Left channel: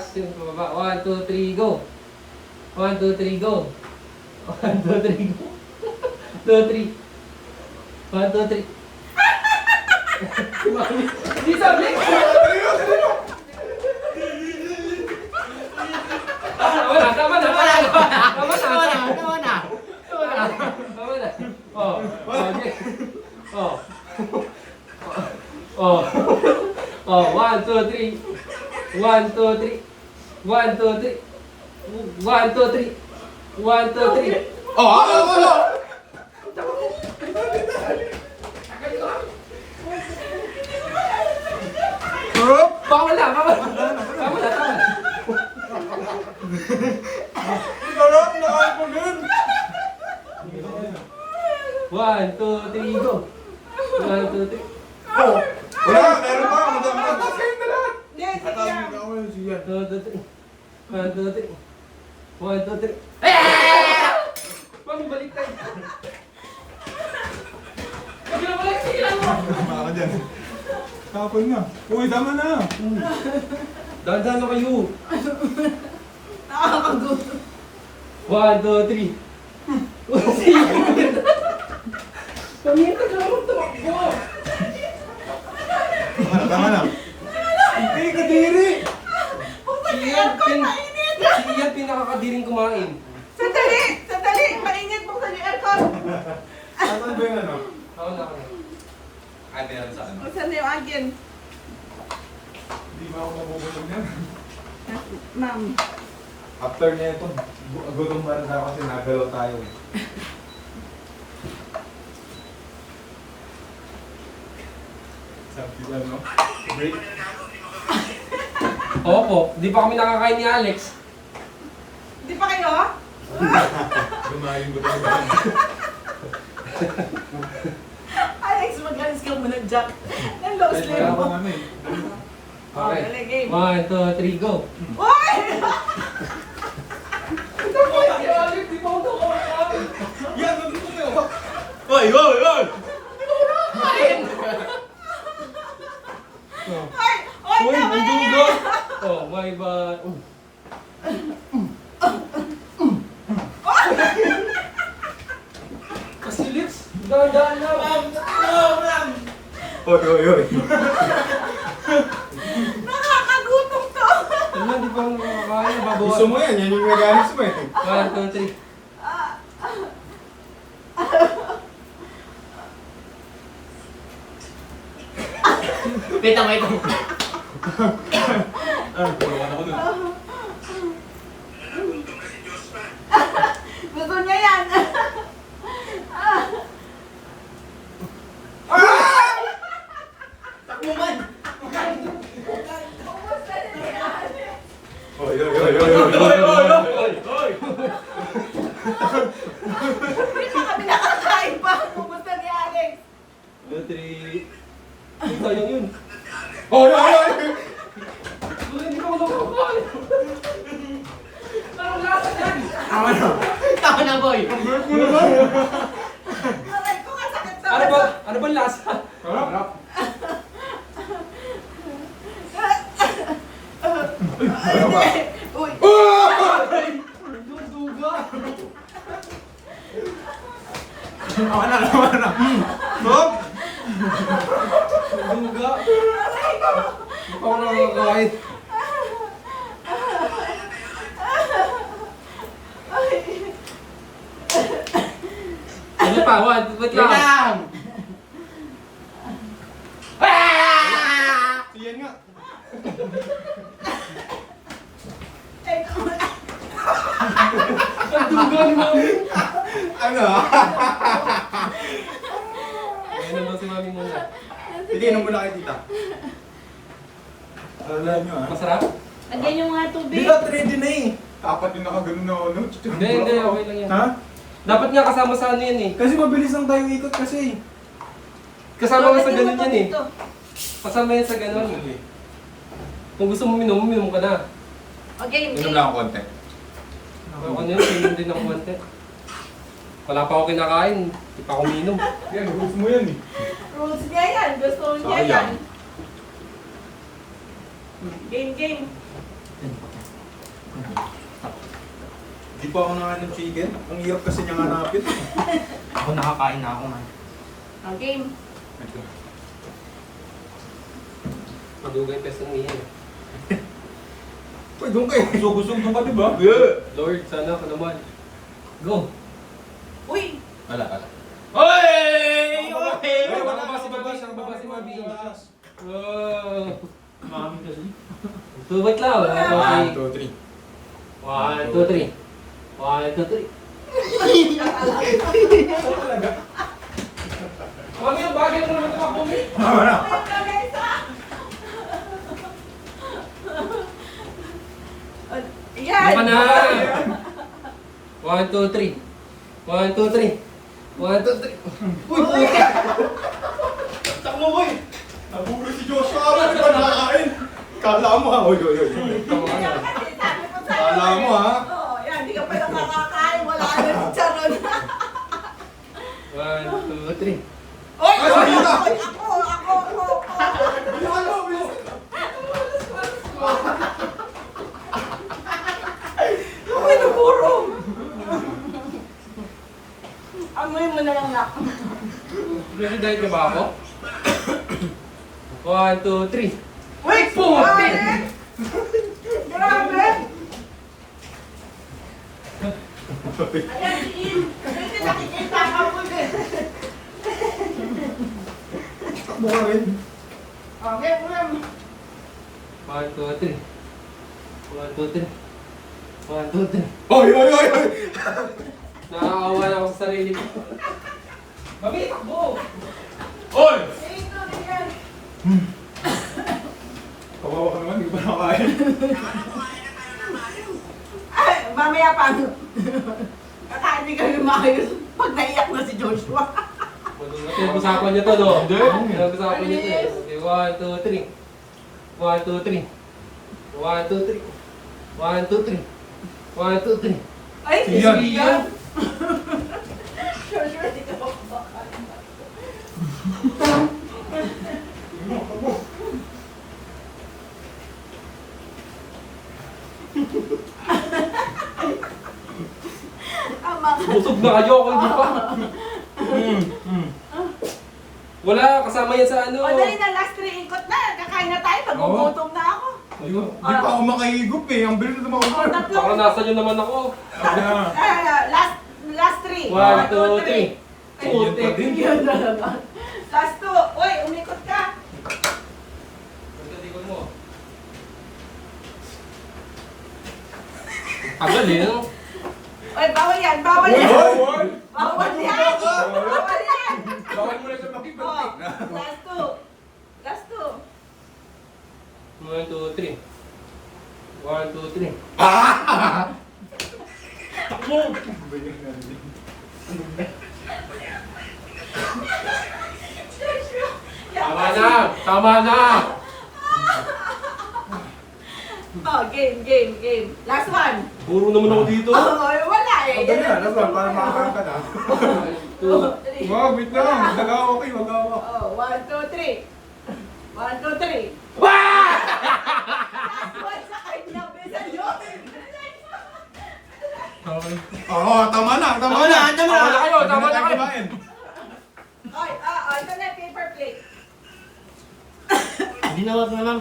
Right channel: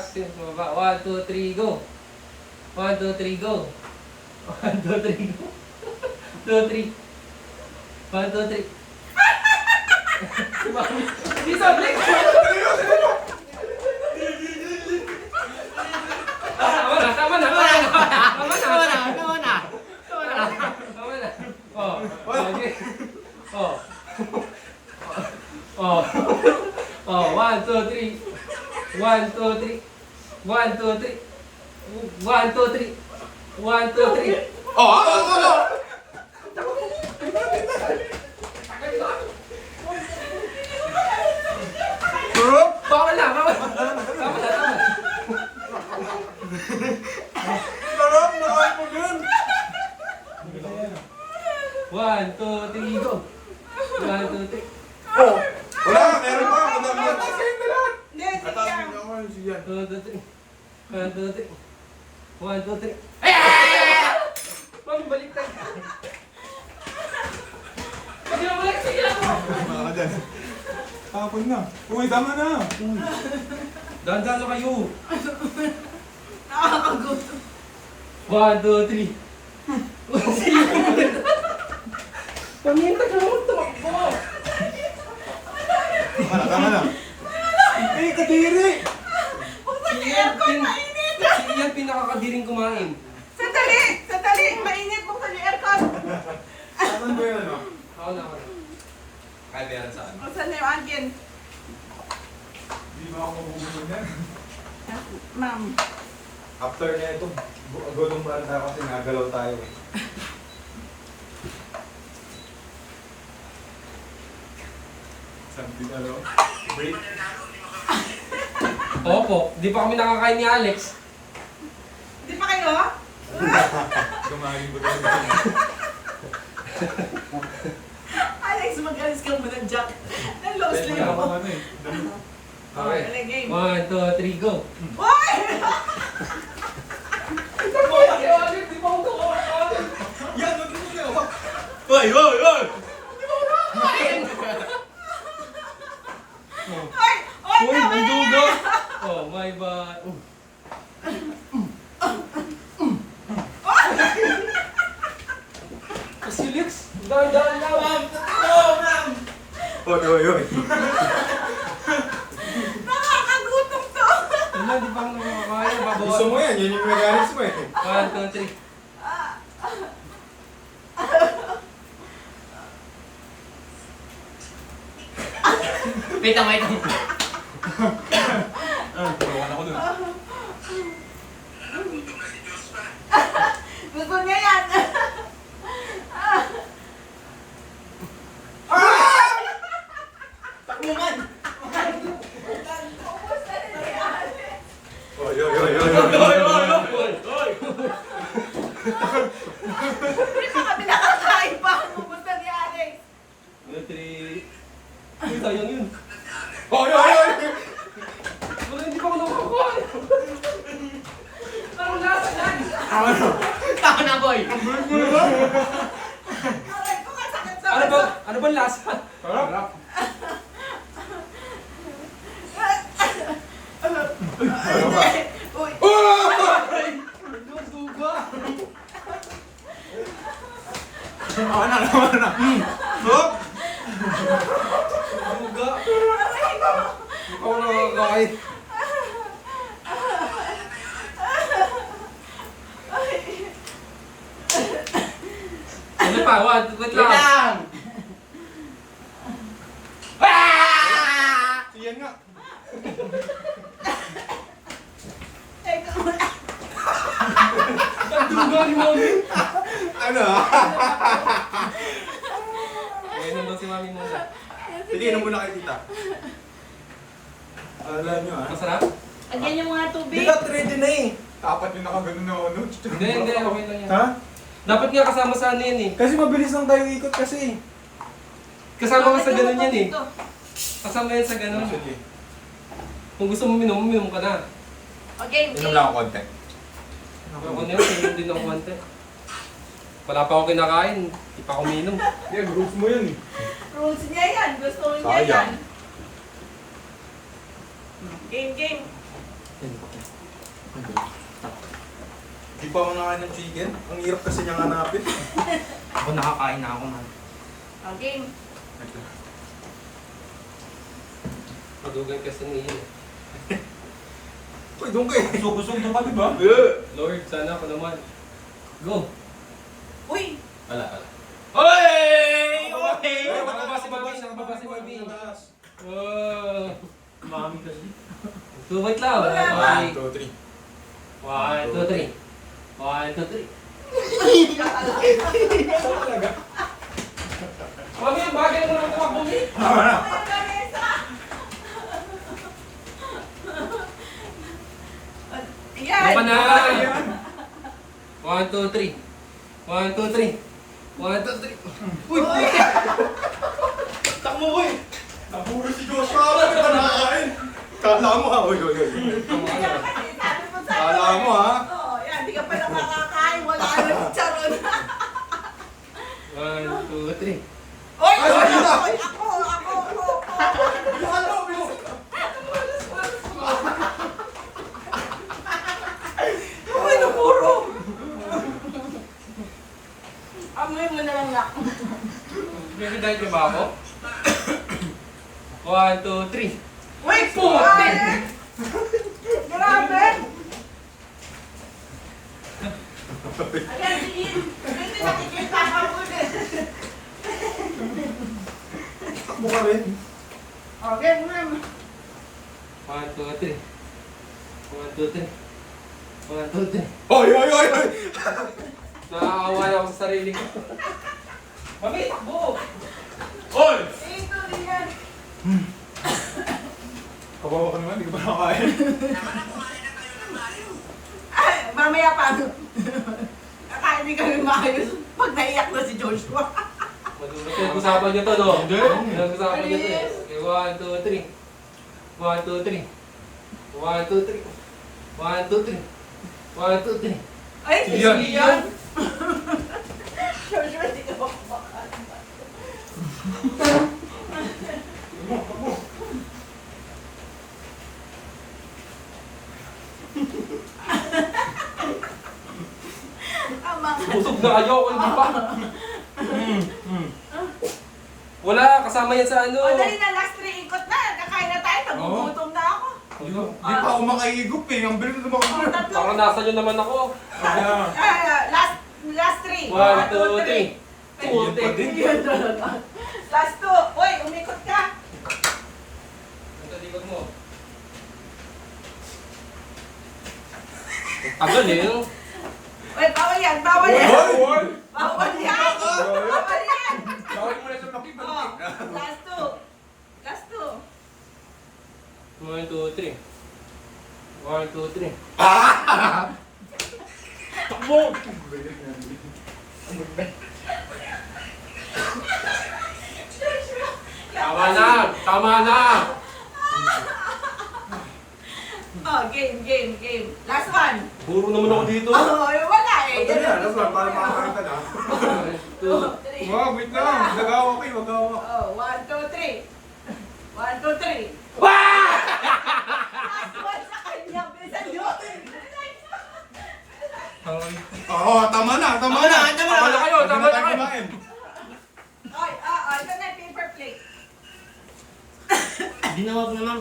1, 2, 3, go. 1, 2, 3, go. 1, 2, 3, go. 2, 3. 1, 2, 3. Si Mami. Di sabi. Tama na. Tama na. Oh. Okay. Oh. Oh. Oh, 1, 2, 3. 1, 2, 3. 1, 2, 3. 1, 2, 3. 1, 2, 3. Oh! Bawal na. Tama na. Sarap na ako dun! 1, 2, 3, go. 1, 2, 3. Oh! Wala! Meron pa! Matasin na lahat! Hindi, Atasin na ako yun siya. 2, 2, 3. 1, 2, 3. 1, 2, 3. Mami, balik tayo. Sige na balik. Sige na mo. Baka ka dyan. Tapon na. Uy, tama na! Dahan-dahan na kayo. nakakagutom. 1, 2, 3. Pamintag lang mo tumakbo. Tama na. Eh, kadiri! Si Ian pinakakadiring kumain. Sandali, mainit mo sa aircon. Saan ba yan, ano? Ako na. Ay, meron sa ano? Saan na yung agin? Hindi ba ako mabubunin yan? Ma'am. After na ito, gulong ba rin tayo kasi nagalaw tayo eh. Sabi ano? Break? Opo, di pa kami nakakain ni Alex. Hindi pa kayo? Gumaling ko tayo. Alex, mag-alis ka muna, Jack. Ang long sleeve Wala mo. pang ano eh. Okay. Dali, game. 1, 2, 3, go. Uy! Yan, mag-ito kayo! Oy! Oy! Oy! Ay! Ay, Uy, tama na dudugo. yan! Oh, may ba... Kasi Lex, dahan-dahan lang. Oy! Oy! Oy! Nakakagutom to! Ano, di pa ako nakakain. Nababawas. Gusto mo yan, yan yung mechanics mo eh. 1, 2, 3. Pita mo ito. Ah, puro ka na ko nun. Gusto niya yan! Takbuman! Oy! Oy! Oy! Oy! Oy! Oy! Hindi pa kami nakakain pa. Pupunta ni Alex. 2, 3. Uy, sayang yun. Oy! Oy! Oy! Uy, hindi pa ako nakakain. Parang lasa yan. Tama na! Tama na, boy! Aray ko nga sakit sa Ano ba lasa? Harap! Ano ba? Uy! Duga. Tama na! Tama na! Hop! Duga. Aray ko! Hindi pa ako nakakain. Ano pa? 1, wait lang. Lang! Siyan nga! Teka, Ang duga ni Mami. Ano? Ayun naman si Mami muna. Sige, inom muna kayo tita. Alam nyo ah. Masarap? lagyan yung mga tubig. Di ka ready na eh. Apat yung nakaganon na ano. Hindi, okay lang yan. Ha? Dapat nga kasama sa ano yan eh. Kasi mabilis lang tayong ikot kasi. Kasama nga sa ganun yan eh. Ito. Kasama yan sa ganun. Kung gusto mo minom ka na. Okay, Inom lang ako konti. Ako na yun, minom din ako konti. Wala pa ako kinakain, hindi pa ako minom. Yan, rules mo yan eh. Rules niya yan. Gusto niya Sayang. yan. Game. Hindi pa ako nakain ng chicken. Ang hirap kasi niyang hanapin. Ako nakakain na ako man. Game. Madugay kasi ng iyan. Uy, doon kayo. Busog-busog doon ka, di ba? Lord, sana ako naman. Go! Uy! Ala. Oy! Ay, wala si Mami. Nakababa si Mami. Wow! Mami kasi. Subat lang. Wala. 1, 2, 3. 1, 2, 3. 1, 2, 3. Mami, ang bagay mo naman kapabumi. Tama na. Yan! Baka na! 1, 2, 3. 1, 2, 3. 1, 2, 3. Uy, puta! Takmo ko eh! Nabuli si Joshua! Hindi pa nakakain! Kala mo ha? Uy. Kala mo ha? Oo, yan. Di ka pa nakakakain. Wala ka na si Charon. 1, 2, 3. Oy! Ay, sige na. Ako! Uy, napuro! Amoy mo na lang na. Gusto dahil na ba ako? 1, 2, 3. Uy! Puti! Grabe! Ayan, tingin! Hindi nakikita ka po din. Takmo ka rin. Okay, ma'am. 1, 2, 3. 1, 2, 3. 1, 2, 3. Oy! Nakakawa na ako sa sarili ko. Mami, takbo! Oy! Ito, tingnan. Kawawa ka naman, hindi ka pa nakakain. Ay, mamaya pa. Kakain kami maayos pag naiyak na si Joshua. Pinag-usapan niyo to, no? Pinag-usapan niyo to. Okay, 1, 2, 3. 1, 2, 3. 1, 2, 3. 1, 2, 3. 1, 2, 3. Ay, si Iyan. Ian. Joshua, di ka ba kumakain? Ama ka. Busog na kayo, ako hindi pa. Wala, kasama yan sa ano. O, dali na, last 3 ikot na. Kakain na tayo, nagugutom na ako. Di pa ako makahigup eh. Ang bilis na O, ako. tatlo. Baka nasa nyo naman ako. Last 3. 1, 2, 3. Iyan pa din. Yan talaga. Last 2. Uy, umikot ka. Ito, likod mo. Tagal eh, no? Uy, bawal yan, bawal yan. Hoy! Bawal yan. Bawal yan. Bawal mo na ito Oh, makipagtik. last 2. Last 2. 1, 2, 3. 1, 2, 3. Tama na! Tama na! Oh, game. Last one. Puro naman ako dito. Oh, wala eh. Ang ganyan, ano ba? Para makakanta na. 2. Wag, wait lang. Nagawa kayo, magawa. Oh, 1, 2, 3. 1, 2, 3. Wah! Last one sa kanya. Bisan yun. Oo, tama na. Tama na kayo, tama na kayo. kumain. Oy, ito na yung paper plate. Hindi na wag na ma'am.